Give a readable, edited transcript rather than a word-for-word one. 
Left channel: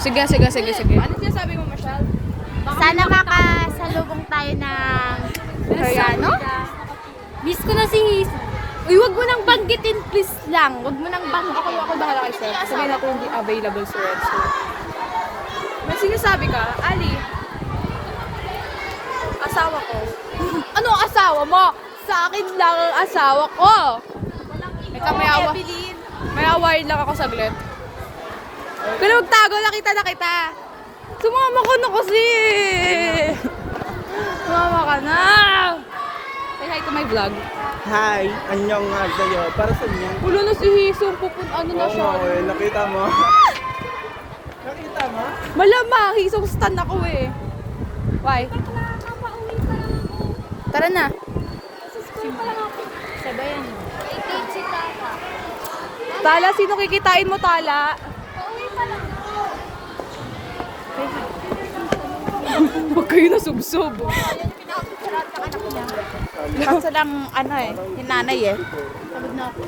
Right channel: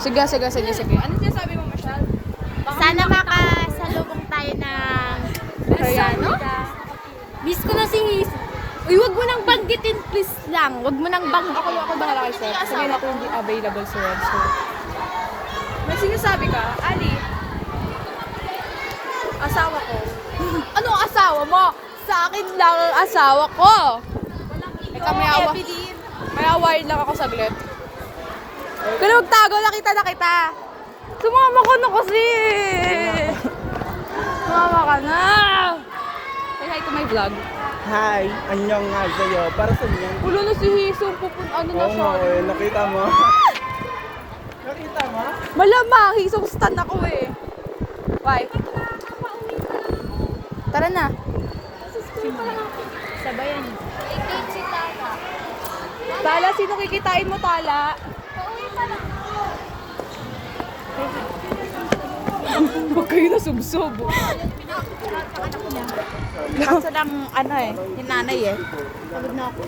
Sige. Ano sinasabi mo, Michelle? Sana makasalubong tayo ng Koreano. Miss ko na si Miss. Uy, wag mo nang banggitin, please lang. Wag mo nang banggitin. Ako bahala kay sir. Sabihin ako hindi available sir. So, May sinasabi ka, Ali. Asawa ko. anong asawa mo? Sa akin lang ang asawa ko. Teka, may awayin lang ako saglit. Pero magtago, nakita na kita. Sumama ko na kasi. Sumama ka na. Say hi to my vlog. Hi, anyong nga sa'yo. Para sa inyo. Ulo na si Hisong, ano na siya. Nakita mo? Nakita mo? Malamang, Hisong stan ako eh. Why? Tara na. Sabayan mo. Ay, date si Tata. Tala, sino kikitain mo, Tala? Pauwi pa lang. Huwag kayo na subsob. Kaso lang, ano eh, yung nanay eh. Pagod na ako.